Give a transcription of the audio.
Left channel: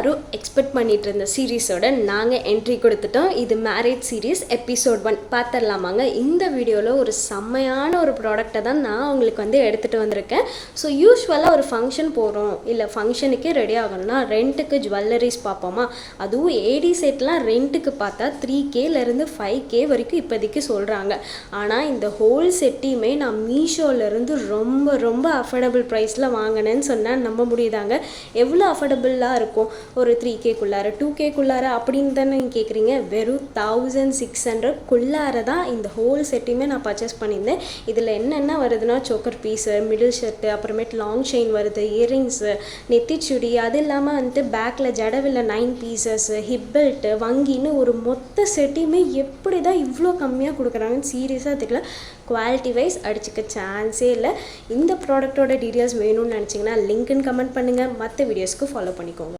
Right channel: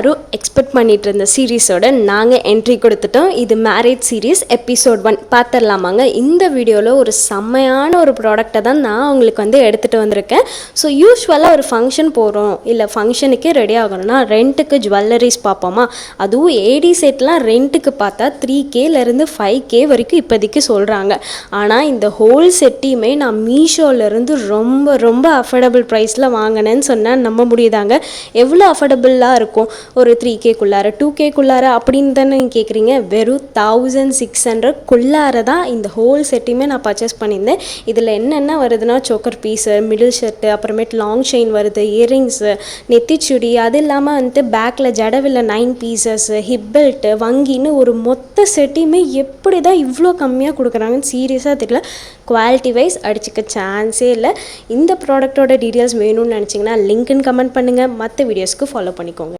எல்லாரும் எக்ஸ்பெக்ட் பண்ணிட்டு இருந்த சீரீஸோட நாங்கள் என்ட்ரி கொடுத்துட்டோம். இது மேரேஜ் சீரீஸ் எபிசோட் 1 பார்த்துடலாமாங்க. இந்த வீடியோவில் ஒரு செம்மையான ஒரு ப்ராடக்டை தான் நான் உங்களுக்கு எடுத்துகிட்டு வந்திருக்கேன். ஸோ யூஸ்வலாக ஒரு ஃபங்க்ஷன் போகிறோம், இல்லை ஃபங்க்ஷனுக்கே ரெடி ஆகணும்னா ரெண்ட்டுக்கு ஜுவல்லரிஸ் பார்ப்போமா. அதுவும் ஏடி செட்லாம் ரெண்ட்டுக்கு பார்த்தா 3Kலேருந்து 5K வரைக்கும் இப்போதைக்கு சொல்கிறாங்க. ஆனால் இந்த ஹோல் செட்டையுமே நான் மீஷோலேருந்து ரொம்ப ரொம்ப அஃபோர்டபுள் ப்ரைஸில் வாங்கினேன்னு சொன்னால் நம்ப முடியுதாங்க. எவ்வளோ அஃபோர்டபுளாக இருக்கும், ஒரு 3Kக்குள்ளார 2Kக்குள்ளார அப்படின்னு தானே நீங்கள் கேட்குறீங்க. வெறும் 1600 தான் இந்த ஹோல் செட்டையுமே நான் பர்ச்சேஸ் பண்ணியிருந்தேன். இதில் என்னென்ன வருதுன்னா, சோக்கர் பீஸு, மிடில் ஷர்ட்டு, அப்புறமேட்டு லாங் செயின் வருது, இயரிங்ஸு, நெத்திச்சுடி, அது இல்லாமல் பேக்கில் ஜடவில் 9 பீசஸ், ஹிப் பெல்ட்டு, வங்கின்னு ஒரு மொத்த செட்டையுமே எப்படி தான் இவ்வளோ கம்மியாக கொடுக்குறாங்கன்னு சீரியஸாக தெரியல. குவாலிட்டி வைஸ் அடிச்சுக்க சான்ஸே இல்லை. இந்த ப்ராடக்டோட டீட்டெயில்ஸ் வேணும்னு நினச்சிங்கன்னா லிங்க்னு கமெண்ட் பண்ணுங்கள். மற்ற வீடியோஸ்க்கு ஃபாலோ பண்ணிக்கோங்க.